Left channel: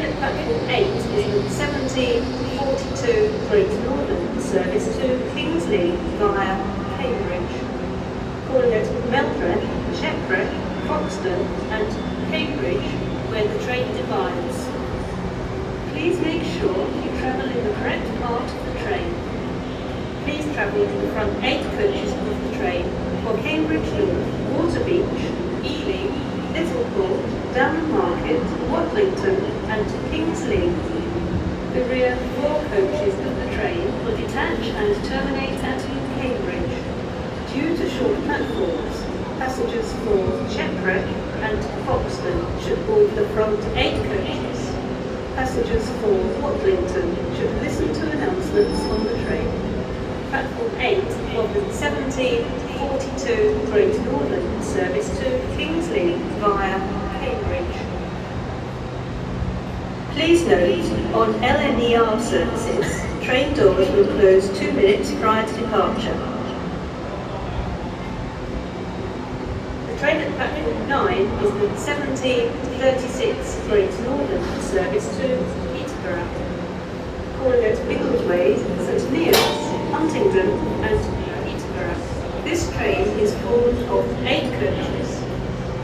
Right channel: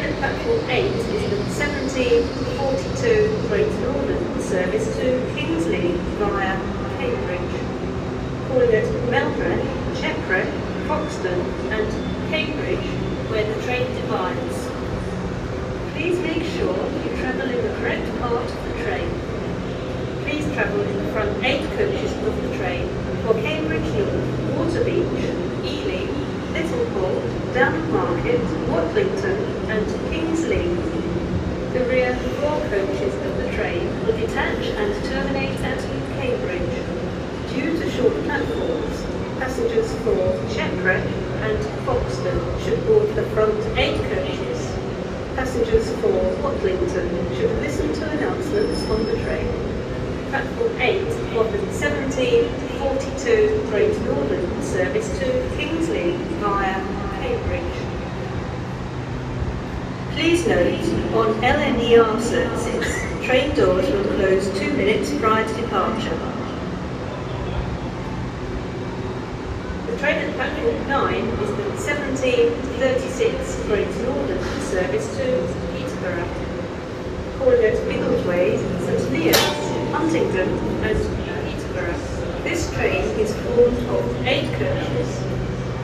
train at platform 8 is the 1742 Great Northern service to Kings Lynn via Cambridge, calling at Meldreth, Shepreth, Foxton and Cambridge where the train divides. Please make sure you travel in the correct part of the train. Please travel in the front 8 coaches of the train for Cambridge North, Waterbeach, Ealing, Littleport, Downham Market, Watlington and Kings Lynn. The rear 4 coaches of the train will detach and terminate at Cambridge. Due to short platforms, passengers for Shepreth and Foxton should board the front 8 coaches. Passengers for Watlington should listen to announcements on the train. Platform 8 of the 1742 Great Northern service to Kings Lynn via Cambridge. Please note, on LNER services, train doors will close 2 minutes prior to departure. The train at platform 9 is the 1736 Great Northern service to Peterborough, calling at Biggleswade, St Neots, Huntingdon and Peterborough. This train is formed of 8 coaches.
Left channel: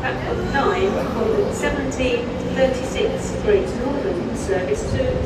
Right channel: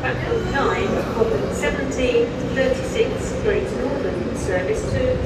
Platform 9 of the 1736 Great Northern service to